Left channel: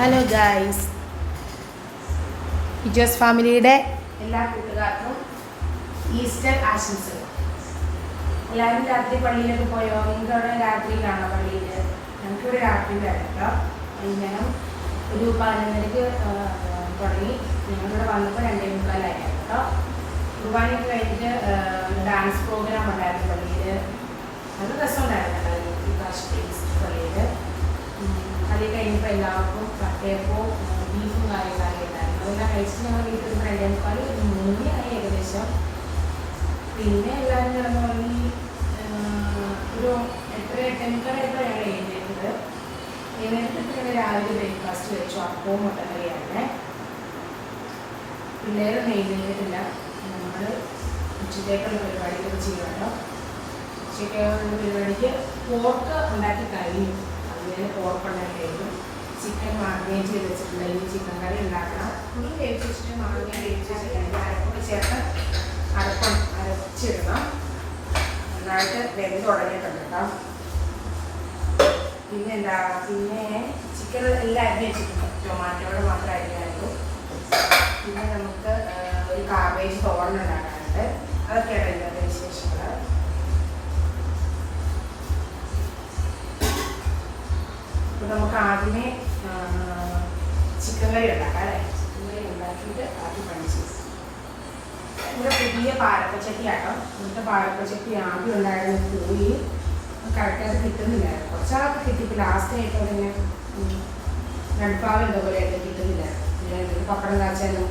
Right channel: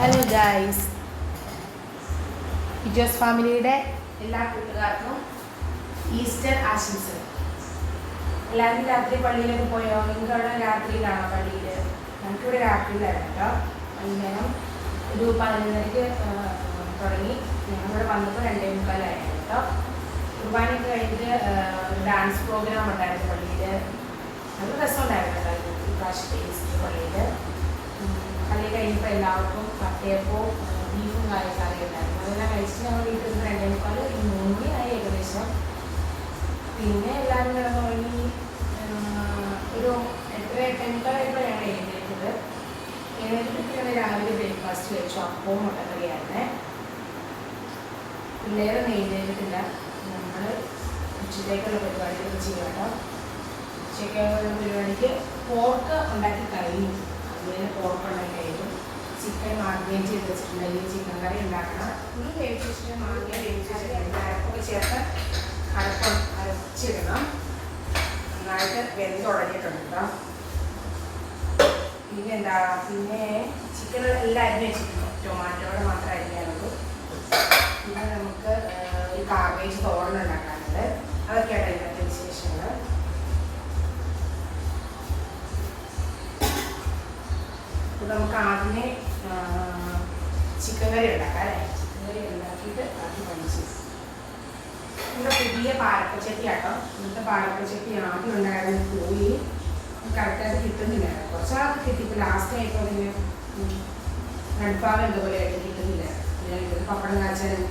Hello guys, ഇജോസ് ഫാമിലിയുടെ എല്ലാ കൂട്ടുകാർക്കും ഈസ്റ്റർ ആശംസകൾ. എല്ലാവരും രാത്രി പള്ളിയിലൊക്കെ പോയോ? നിങ്ങൾക്ക് അവിടെ രാത്രിയിലാണോ പള്ളിയിൽ? ഞങ്ങൾക്കിവിടെ രാത്രിയിലാണ് കേട്ടോ. വൈകുന്നേരം ഒരു 11:30 തുടങ്ങി. ഞങ്ങളിവിടെ വന്നപ്പോൾ 2:45 കേട്ടോ. കുർബാനയൊക്കെ കഴിഞ്ഞിട്ട് ഡാൻസ് പ്രോഗ്രാം ഉണ്ടായിരുന്നു പള്ളിയിൽ. നല്ല രസമുണ്ടായിരുന്നു കേട്ടോ ഈ പ്രാവശ്യത്തെ ഈസ്റ്റർ പള്ളിയിൽ. പള്ളി കഴിഞ്ഞപ്പോൾ എല്ലാവർക്കും കട്ടയപ്പോൾ ബീഫും കാര്യങ്ങളൊക്കെ ഉണ്ടായിരുന്നു. അങ്ങനെ കഴിച്ചിട്ട് നമ്മൾ വീട്ടിൽ 2:45 3 ആയി ഏകദേശം. പിന്നെ എല്ലാവരും കിടന്നുറങ്ങി. ഒരു 8:30 ഞങ്ങൾ എഴുന്നേറ്റത്. എഴുന്നേറ്റിട്ട് രാവിലെ ബ്രേക്ക്ഫാസ്റ്റ് കഴിച്ചു. അപ്പവും മുട്ടക്കറിയായിരുന്നേ. പിള്ളേരൊന്നും എഴുന്നേറ്റിട്ടില്ല. നമ്മൾ ഉച്ചത്തേക്കുള്ള പരിപാടികൾ ചെയ്യും കേട്ടോ. ഉച്ചയ്ക്കുള്ള പരിപാടിക്ക് പോർക്ക് ഉണ്ടാക്കി കഴിഞ്ഞു. അതുപോലെ പോർക്ക് ഉണ്ടാക്കി കഴിഞ്ഞു. ചിക്കൻ മാഗ്നേറ്റ് ചെയ്ത് വെച്ചിട്ടുണ്ടെങ്കിൽ ചിക്കൻ കറി ഉണ്ടാക്കണം. ഈ വേവിച്ചിട്ട് അരപ്പൊക്കെ ചേർത്ത് അരച്ചിടണം. നന്നായിട്ട് വെന്ത് തുടങ്ങിയിട്ടുണ്ട് കേട്ടോ. പിന്നെ ചിക്കൻ എല്ലാം അരിഞ്ഞ് വെച്ചിട്ടുണ്ട്. ടൊമാറ്റോടെ മാത്രം അരിയാനുള്ളൂ. പിന്നെ നമുക്ക് ഒരു കാബേജ് തോരൻ ഉണ്ടാക്കാറുണ്ട്. അതൊക്കെയാണ് ഇന്നത്തെ വിശേഷങ്ങൾ. അപ്പോൾ നമുക്ക് ആദ്യമേ ചിക്കൻ കറി ഉണ്ടാക്കാം അല്ലേ? ചിക്കൻ കറി ഉണ്ടാക്കിയിട്ട് ആദ്യം പഠിച്ചു. ഇവിടെ പുതിയ പാലപ്പച്ചട്ടി ആട്ടോ. ഇന്നത്തെ പാലപ്പച്ചട്ടി ആദ്യം ഉണ്ടായിരുന്നത് പോയി കറക്റ്റായിട്ട് കിട്ടുന്നില്ലായിരുന്നു. കുറച്ചാൾക്ക് കിട്ടിയിട്ട് ലാസ്റ്റ് ആയിപ്പോൾ ഇങ്ങനെ നടുപ്പാകം എന്തോപോലെ ആയിട്ട് കിട്ടുന്നില്ല. പപ്പടം കാച്ചാനും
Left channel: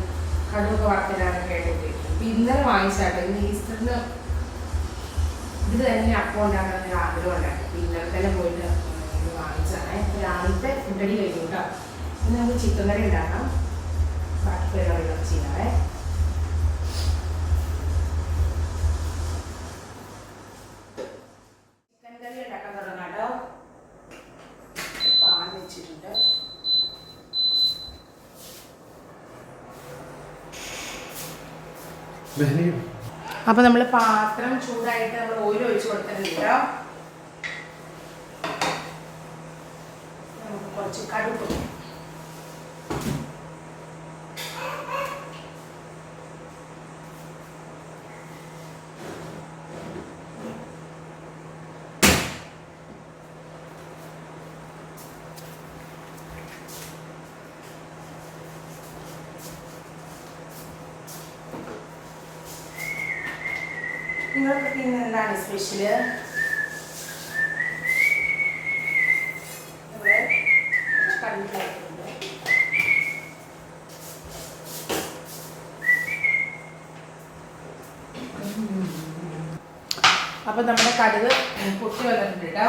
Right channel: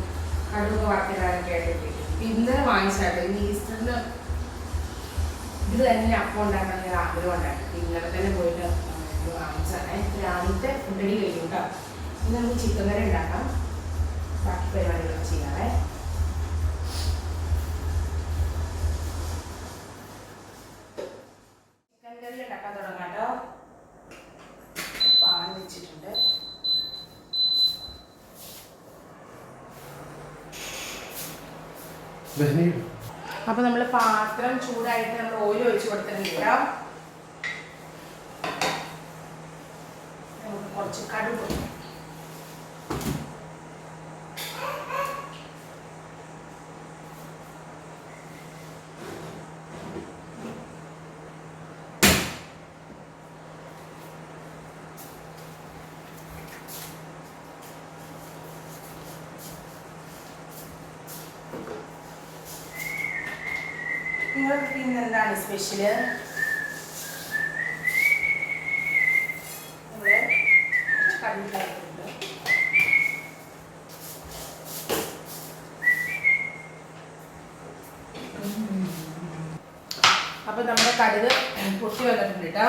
കടുവൊക്കെ വറക്കാനൊക്കെ ആയിട്ട് കിട്ടി. ഇപ്പം ഇന്നലെ വാങ്ങിച്ചാട്ടോ. ഇന്ന് ഈസ്റ്ററിന് ഇത് തന്നെ അപ്പം ഉണ്ടാക്കാൻ ഒരു ആഗ്രഹം ഉണ്ടായിരുന്നു. അപ്പം ഇന്നലെ തന്നെ പോയിട്ട് ഇത് വാങ്ങിച്ചാണേ. രാവിലത്തെ ഫുഡടി കഴിഞ്ഞു കേട്ടോ. ഇന്ന് നമുക്ക് ചിക്കൻ കറി ഉണ്ടാക്കാം. ബാക്കി പരിപാടികളൊക്കെ ചെയ്യാറേ. ചിക്കൻ കറി ഉണ്ടാക്കാൻ തുടങ്ങാം കേട്ടോ. പാൽ വെച്ചിട്ടുണ്ട്. അപ്പോൾ നമ്മൾ പാത്രം ചൂടായിട്ട് നമ്മൾ ഓയിൽ ഒഴിച്ച് കൊടുത്തിട്ടുണ്ട്. നമുക്ക് കുറച്ച് കടുക് നിങ്ങൾക്ക് പിന്നെ എന്താണ് സ്പെഷ്യല്? കടുകിലായിട്ടുണ്ട്. അപ്പം നമ്മുടെ കടുക് പൊട്ടി വന്നിട്ടുണ്ട് കേട്ടോ.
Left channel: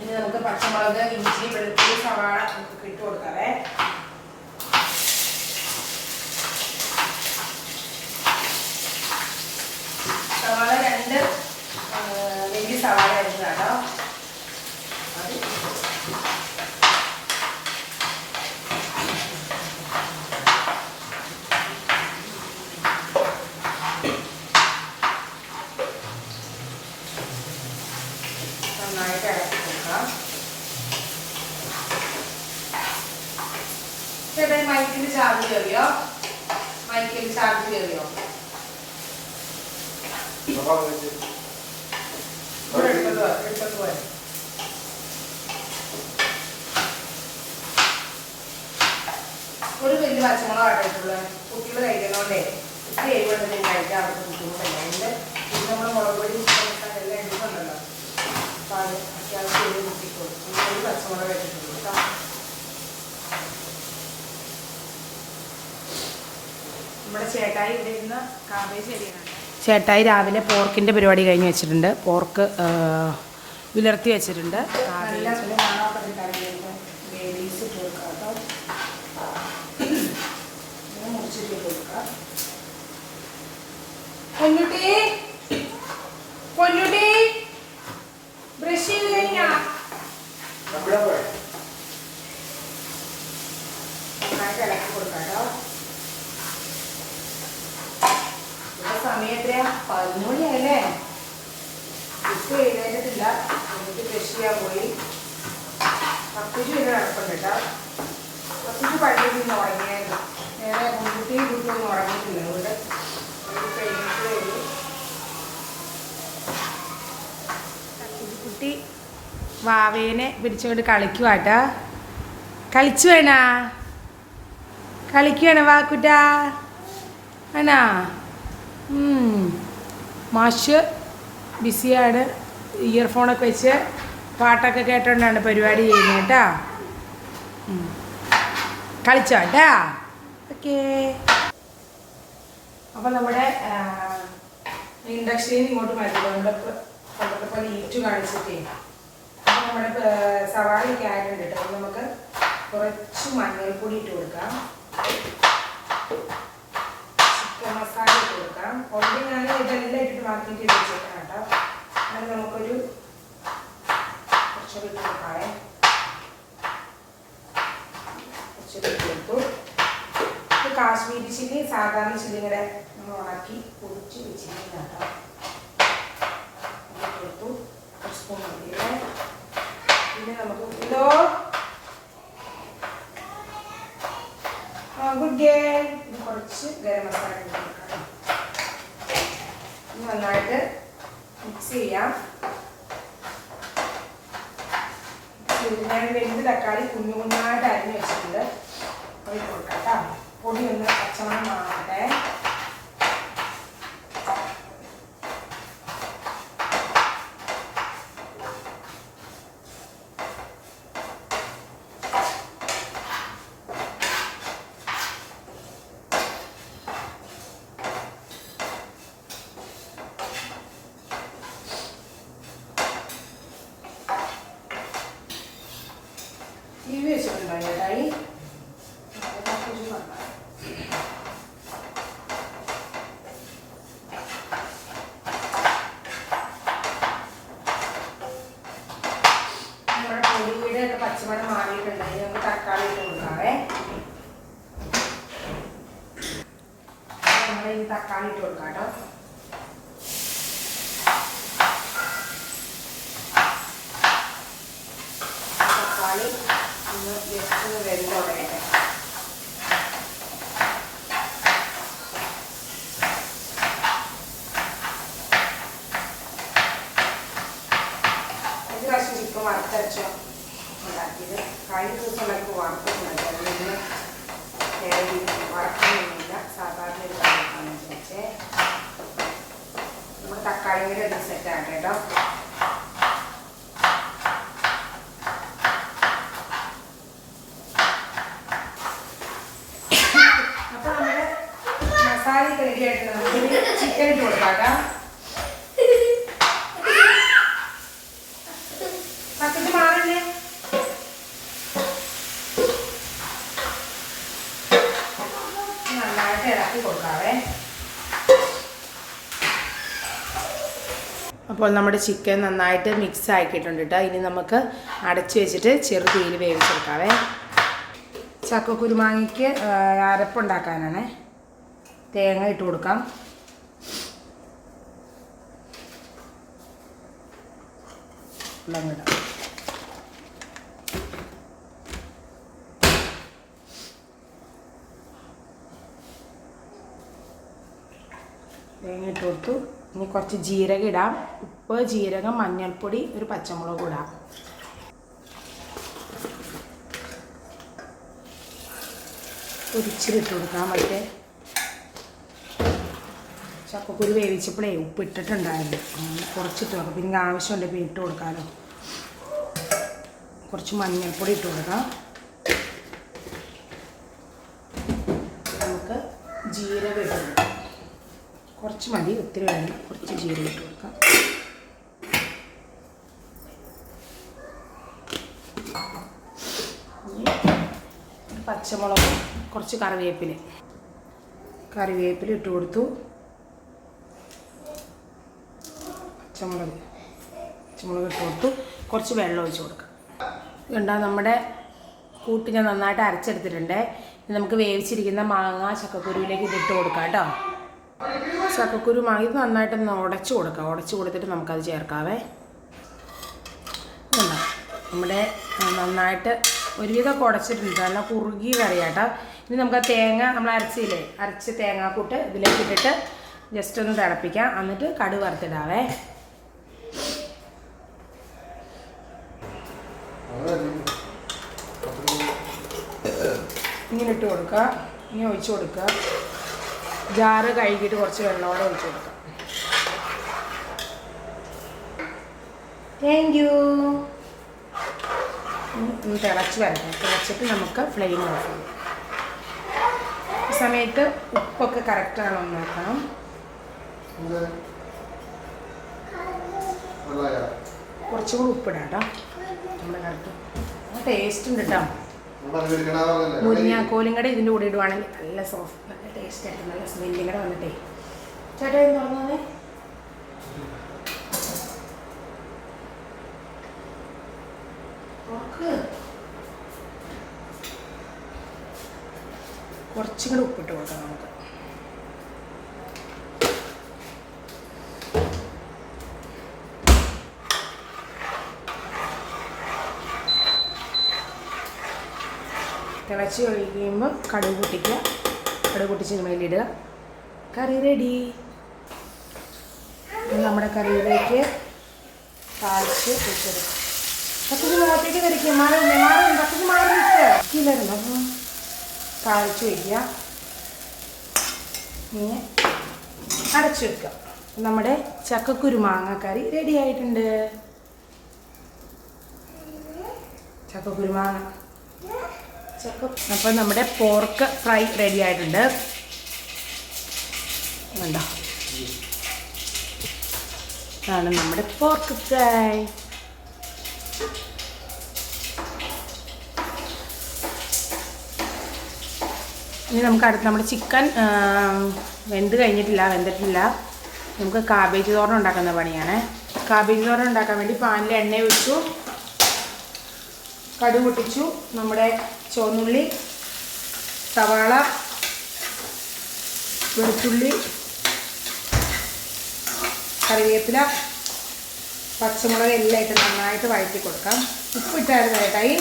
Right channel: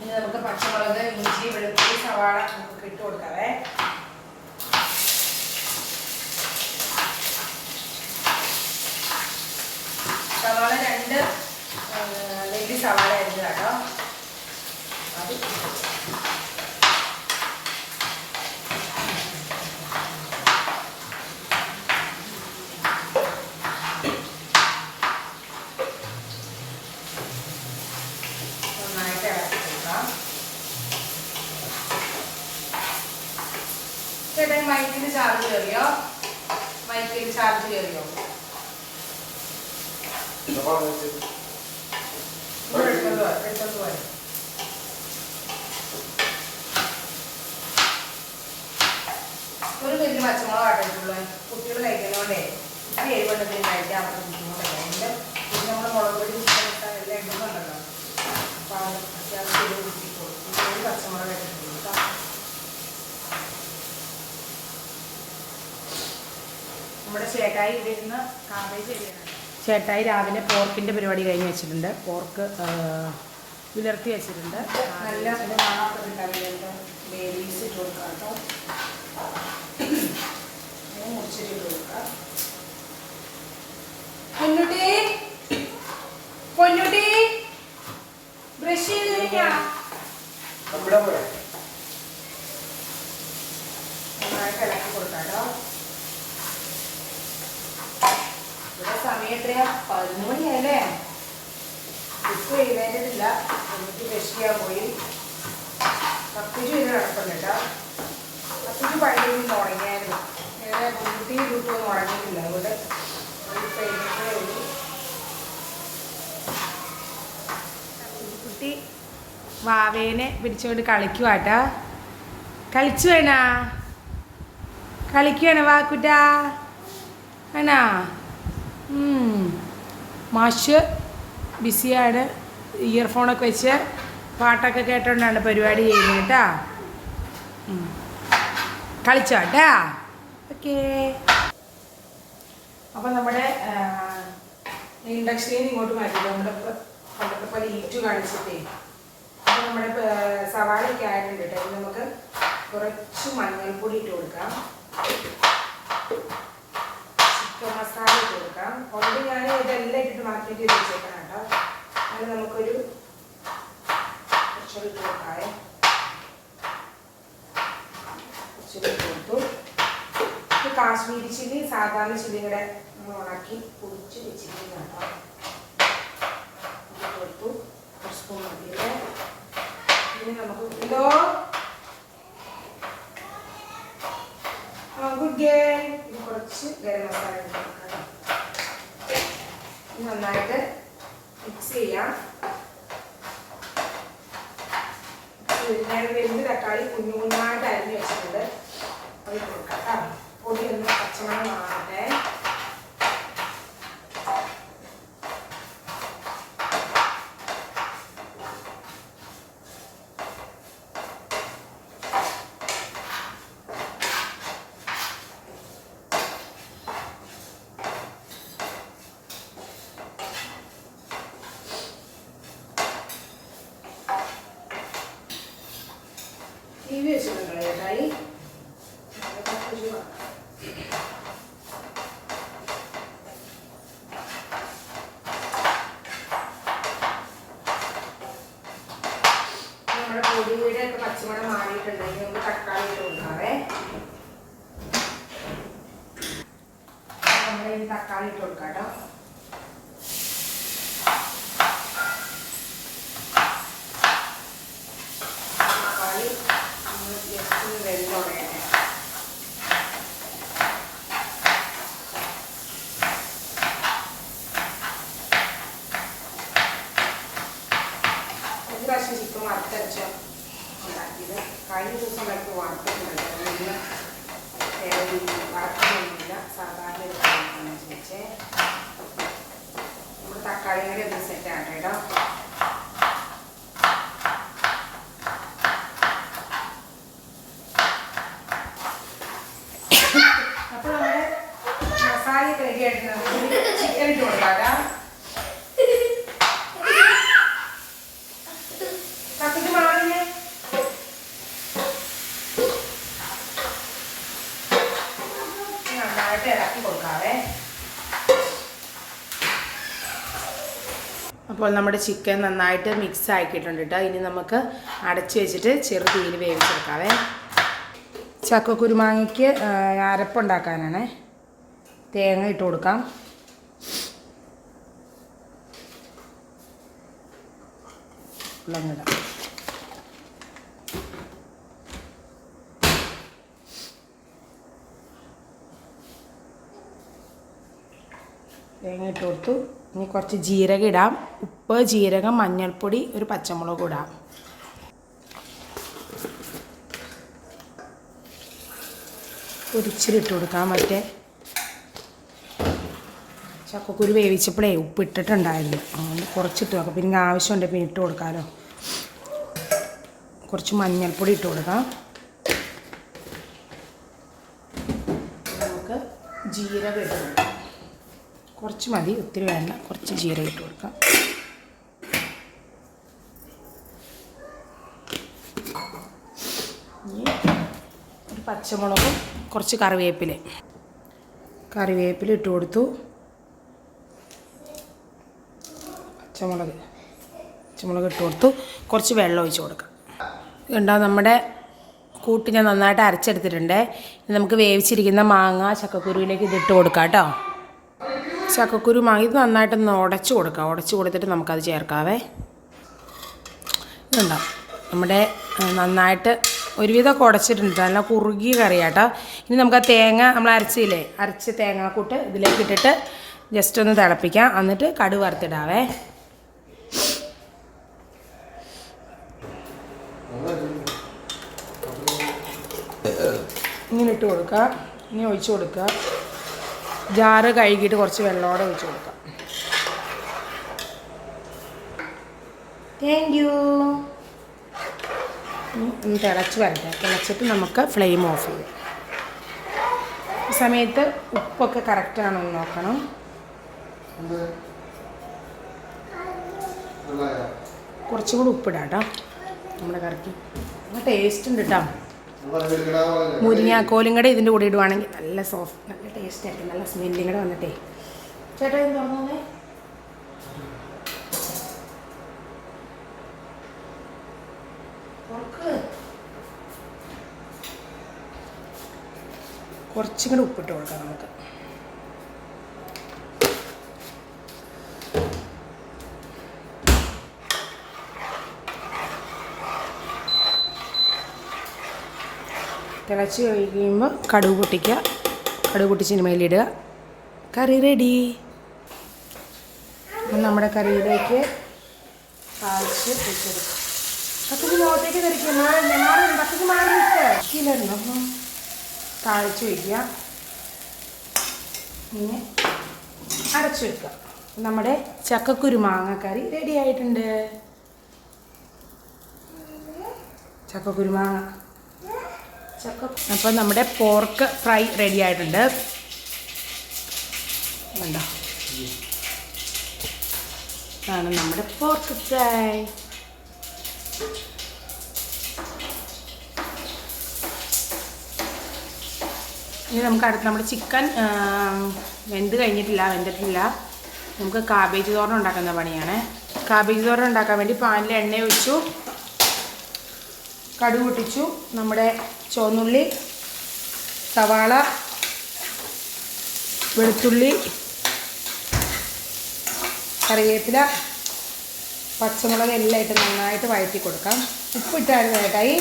ഇനി നമുക്ക് പച്ചമുളക്, ഇഞ്ചി, വെളുത്തുള്ളി, സവാള നമുക്ക് ഇട്ട് കൊടുക്കാവേ. സവാള 2 വലിയ സവാള ആയിരുന്നു കേട്ടോ. അത് നന്നായിട്ട് ഇറക്കി കൊടുക്കാം. ചേട്ടാ മൈക്കിന് ചാർജ് കയറിയോ? മൈക്കിന് ചാർജ് കയറിയോ? ഒരു വലിയ പച്ചമുളക് ആട്ടിട്ടുള്ളൂ. കുട്ടികൾ കഴിക്കുന്നതുകൊണ്ടേ കുട്ടി എരിവെണ്ണത്തിൽ കഴിക്കാൻ അവർക്ക് ബുദ്ധിമുട്ടല്ല. എല്ലാം പിന്നെ നമ്മൾ മുളക് പൊടി ഇട്ടാൽ എല്ലാം എടുക്കുന്നുണ്ടല്ലോ. അപ്പം അത് അത്യാവശ്യം എരിവ് കുട്ടിക്കോളും. ഒരു പച്ചമുളക് ഇട്ടിട്ടുള്ളൂ കേട്ടോ. നമ്മുടെ ചേട്ടായി ഇവിടെ ഇരുന്ന് കാബേജ് എരിയാണ്. ചേട്ടായി രാവിലെ പോർക്കിൻ്റെ പരിപാടി കഴിഞ്ഞ് വെച്ചിട്ടുണ്ട്. പോർക്ക് വിലർത്തി വെച്ചിട്ടുണ്ട്. പൊന്നുട്ടി പൊന്നുട്ടി ബ്രഷ് ചെയ്ത് കഴിഞ്ഞാ നന്നായിട്ട് ഇളക്കി കൊടുക്കാട്ടോ. സമയം എത്രയാ? 11 മണിയായല്ലേ? ഇപ്പോൾ എഴുന്നേറ്റിട്ടില്ല. എനിക്ക് ബ്രഷ് ചെയ്യാൻ പോയി. 10 രൂപ ഇങ്ങനെ കിടപ്പുണ്ട് കേട്ടോ. അത്തിക്ക് പള്ളിയിൽ തുടങ്ങിയായിരുന്നു. നേരെ കുട്ടി വീട്ടിലൊന്നും ഉറങ്ങിയിട്ടില്ല. അതുകൊണ്ട് കുട്ടി വാവേനെ പിടിച്ചുകൊണ്ട് കളിക്കുവാട്ടാ. കളിച്ചു വേണാ കളിക്കുവാണ് വാക്കുട്ടാ ആണാ. മാഷ് ബിസിയാണ്. ഇയർഫോണൊക്കെ വെച്ച് പാട്ടൊക്കെ കേട്ടോണ്ടാണ് പരിപാടി ചെയ്യുന്നത് കേട്ടാ. കളിച്ചോട്ടാ. ഓക്കേ. അപ്പം നമ്മുടെ ഇൻഡക്ഷനിൽ ഇങ്ങോട്ട് മാറ്റി നമ്മളിപ്പോൾ ലീറ്റ് കാണിച്ചിട്ടേ. അപ്പം നമ്മുടെ സവാളയൊക്കെ ആയിട്ടുണ്ട് കേട്ടോ. നമുക്ക് കുറച്ച് മഞ്ഞൾപ്പൊടി ഇട്ട് കൊടുക്കാം. ചിക്കൻ മസാല ഇട്ട് കൊടുക്കാം. ഓൾറെഡി ഞാൻ ഇതെല്ലാം ഇട്ടിട്ട് മാറ്റിയിട്ട് വെച്ചേക്കാം കേട്ടോ. അത് നമുക്കൊരു കുറച്ചൊരു ഇട്ട് കൊടുക്കാവേ. കുറച്ചൊരു ഇട്ട് കൊടുത്തു. ഇത് കാശ്മീരി ചില്ലി സാധാരണ ചില്ലിയുടെ നമ്മൾ ഉണക്കി പൊടിച്ച് വെച്ചിരിക്കുന്ന കേട്ടോ. ഇട്ട് കൊടുത്തു. ഒരു സ്പൂൺ മതിയില്ലേ. പിന്നെ നമുക്ക് ഇതോ ഗുഡ് ഗേൾ. ഇത് കുറച്ച് ഗരം മസാല ഇട്ട് കൊടുക്കാം. നന്നായിട്ട് മിക്സ് ചെയ്യാം. ഞാൻ വലുത് തക്കാളി കുഞ്ഞു കുഞ്ഞായിട്ട് അരിഞ്ഞ് വെച്ചിട്ടുണ്ട്. പൊടി കൊടുക്കാം കേട്ടോ. പൊടി ഒന്ന് പച്ചമണം മാറട്ടെ. TV വെച്ചിട്ടുണ്ടോ ചേട്ടായി? നമ്മുടെ പൊടിയുടെ ഒക്കെ പച്ചമണം മാറിയിട്ടുണ്ടെങ്കിൽ നമുക്ക് തക്കാളി ഇട്ട് കൊടുക്കാവേ. നമ്മുടെ ഈ തക്കാളി ഇട്ട് കൊടുക്കാം കേട്ടോ. തക്കാളി വെള്ളോടെ ഒരു പ്രാവശ്യം ചിക്കൻ വറുത്തരച്ചോ ഉണ്ടാക്കിയത്. കഴിഞ്ഞ ദിവസം ഉണ്ടാക്കി വറുത്തിട്ടുണ്ടായിരുന്നു. വറക്കാനൊന്നുമില്ല, സാധാരണ ഒരു കറിയാണെന്ന് വെച്ചേ. നമ്മുടെ തക്കാളി കൂടി ഒന്ന് സെറ്റ് ആട്ടെ കേട്ടോ. അപ്പോൾ നമ്മുടെ മസാല റെഡി ആയിട്ടുണ്ട്. നമുക്ക് ചിക്കൻ ഇട്ട് കൊടുക്കാം. പത്തിട്ട് മാറില്ലേ. നന്നായിട്ട് ഇളക്കി കൊടുക്കാവേ. അപ്പോൾ നമ്മുടെ ചിക്കൻ നന്നായിട്ട് മിക്സ് ആക്കിയിട്ടുണ്ട് കേട്ടോ. ഇനി നമുക്ക് അടച്ചു വെച്ചിട്ട് ചെറു തീയിൽ വേവിച്ചെടുക്കാവേ. ചക്കക്കുരുമാങ്ങയ്ക്ക് അരപ്പുണ്ടാക്കാനാണ്. തേങ്ങ ഇട്ട് കൊടുക്കാം. വെള്ളം തേങ്ങ ഇട്ട് കൊടുത്തു. ഇനി കുറച്ച് ജീരകം ഇടാം. ഉപ്പ്, ജീരകം, മഞ്ഞൾപ്പൊടി, ഒരു പച്ചമുളക് ഇടാം. ഒരിച്ചിലിട്ട് കൊടുക്കാം. മറ്റേ ചക്കക്കുരു വേവിച്ചപ്പോഴേ ഉപ്പ് ഇട്ടിട്ടുണ്ടായിരുന്നു. കുറച്ചിട്ട് നോക്കാം. പിന്നെ ആവശ്യമുണ്ട് പിന്നെ ഇട്ട് കൊടുക്കാമല്ലോ. കുറച്ച് മഞ്ഞൾപ്പൊടി ഇട്ട് കൊടുക്കാം. നമുക്ക് ജീരകം ഇട്ട് കൊടുക്കാം. കുറച്ച് മതി, ഒത്തിരി വേണ്ട. കുറച്ച് ജീരകം ഇട്ട് കൊടുക്കാം. ഒരു പച്ചമുളകും കുറച്ച് കറിവേപ്പില ഇട്ട് കൊടുത്തു. പച്ചമുളക് ഇട്ട് കൊടുത്തു. കുറച്ച് വെള്ളം ഒഴിച്ച് കൊടുക്കാം. ഇതുണ്ടോ നമ്മുടെ കൂട്ട് ഞാൻ നന്നായിട്ട് അരച്ചെടുത്തിട്ടുണ്ട്. ഇനി നമുക്ക് വേവിച്ചിരിക്കുന്ന മാങ്ങ ചക്കക്കുരുവിലേക്ക് ഇതിട്ട് കൊടുക്കാം കേട്ടോ. ചക്കക്കുരു മാങ്ങ ഇത് നന്നായിട്ടൊന്ന് ഉടച്ച് കൊടുക്കാം. ഉടച്ച് കൊടുത്തിട്ട് നമുക്കത് ചേർക്കാവേ. ഇതുണ്ടോ നമ്മുടെ നന്നായിട്ട് ഒരുവിധമൊക്കെ ഉടച്ചിട്ടുണ്ട്, നല്ല കുറുകി കറിയാട്ടോ. ഇനി നമുക്ക് ആ തേങ്ങ നമ്മൾ അരച്ചില്ലേ, അരച്ച തേങ്ങാക്കൂട്ട് ഇതിലേക്ക് ഇട്ടിട്ട് ജസ്റ്റ് ഒന്ന് തിളപ്പിക്കാം. എന്നിട്ട് കടുക് വറുത്തിടാവേ. ഇങ്ങനെ ഇട്ട് കൊടുക്കുക, ഇങ്ങനെ ഒഴിച്ച് കൊടുക്കുക. ജാറ് കഴുകിയിട്ട് കുറച്ച് വെള്ളത്തോടെ ഒഴിച്ച് കൊടുക്കുക. Thank you. തിളച്ച് വരട്ടെ. തിളച്ചിട്ട് നമുക്ക് ഫ്ലെയിം ഓഫ് ചെയ്യാം. ഈ സമയത്ത് ഉപ്പൊക്കെ കറക്റ്റാണോ എന്ന് നോക്കണം. കുറച്ചുകൂടി ഉപ്പിടാം കേട്ടോ. നമ്മുടെ കറക്റ്റ് ടേസ്റ്റ് ഉണ്ട് കേട്ടോ. മുരിങ്ങാക്കോലും കൂടെ ഇതിൻ്റെ കൂടെ ഇടുവാണെങ്കിൽ നല്ല സോഫ്റ്റ്, നല്ല ടേസ്റ്റ് ആയിരിക്കും. നല്ല സ്മെല്ലും കൂടെ വന്നിട്ടേ. ചേട്ടാ ഇത് തുറന്നേ. കുറച്ചും കൂടെ ഉപ്പിട്ട് കൊടുക്കാം നമുക്ക്. തിളച്ച് കഴിയുമ്പോൾ കടുക് പൊട്ടിക്കുക. കടുക് പൊട്ടിച്ചിന് മേലിടുക. കറി റെഡി. നമ്മുടെ കറിയിലേക്ക് താഴ്ച വെച്ചെടുക്കുക. പക്കത്ത് നോട്ടേക്ക് വരയ്ക്കുക. പക്കത്ത് മാറിയിട്ട് വരുന്നു. അപ്പം താഴ്ച വയ്ക്കുക. ഇങ്ങനെ അടച്ചു വെക്കുക. നമ്മുടെ ചക്കക്കുരുമാങ്ങ കറി റെഡി ആയിട്ടുണ്ട്. ചക്കക്കുരുമാങ്ങ അപ്പം നമ്മുടെ പോർക്ക് ഫ്രൈ റെഡി ആയിട്ടുണ്ട്. കണ്ടോ, ഇതാണ് നമ്മുടെ പോർക്ക് ഫ്രൈ. ഇനി നമുക്ക് അടുത്ത് നമ്മുടെ ചിക്കൻ വെന്തിട്ടില്ല. നമുക്ക് കാബേജ് തോരൻ ഉണ്ടാക്കുന്ന പണിയാണ്. കാബേജ് തോരൻ ഉണ്ടാക്കാൻ വേണ്ടി പാനിൽ എണ്ണ ഒഴിച്ചു, കടുക് പൊട്ടിച്ചു. നമ്മുടെ ചുവന്നുള്ളി, സവാള, വെളുത്തുള്ളി, കറിവേപ്പില, പച്ചമുളക് എല്ലാം ഇട്ട് നന്നായിട്ട് വഴറ്റി കൊടുക്കാം. ഉപ്പിട്ടായിരുന്നു കേട്ടായി.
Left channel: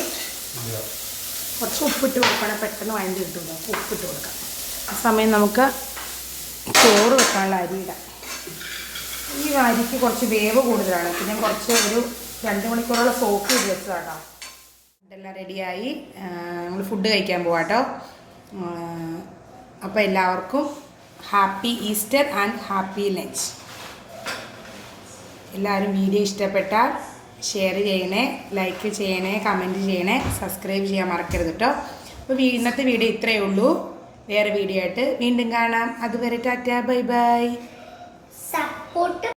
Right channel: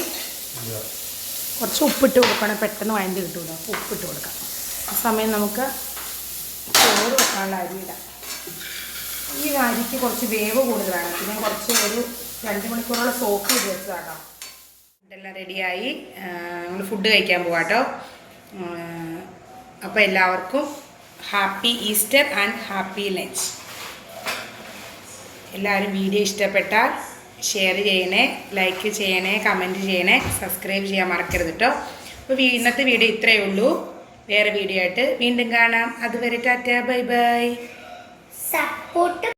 കുറച്ച് ഉപ്പിട്ട് കൊടുക്കണം, പെട്ടെന്ന് വഴണ്ടി കിട്ടുമല്ലോ. അപ്പോൾ ഉപ്പിട്ട് കൊടുക്കാം. ആ സമയം നമുക്ക് ചോറ് വെക്കാനുള്ള അരിയിടാം. ഈ അരിക്ക് കുറച്ച് വേവ് കൂടുതലാണ്. പിന്നെ കുറച്ച് ഒരു 2 മണിക്കൂറോളം സോക്ക് ചെയ്ത് വെച്ചതാട്ടോ. ഇതെല്ലാം റെഡിയായി. നമ്മൾ ഫുഡ് കഴിക്കാൻ പോവാം കേട്ടോ. അപ്പോൾ എല്ലാവർക്കും happy Easter and happy lunch. എല്ലാവരും വീഡിയോ ഇഷ്ടപ്പെട്ടാൽ ഷെയർ ചെയ്യണേ, ലൈക്ക് ചെയ്യണേ, കമൻറ്റ് ചെയ്യണേ, സബ്സ്ക്രൈബ് ചെയ്യാൻ മറക്കരുത് കേട്ടോ. അപ്പോൾ ഇന്നത്തെ വീഡിയോ ഇത്രയേ ഉള്ളൂ. വേറെ വീഡിയോ ആയിട്ട് വീണ്ടും കാണാം. അതുവരെ ടാറ്റാ, ബൈ ബൈ. സപ്പോർട്ട്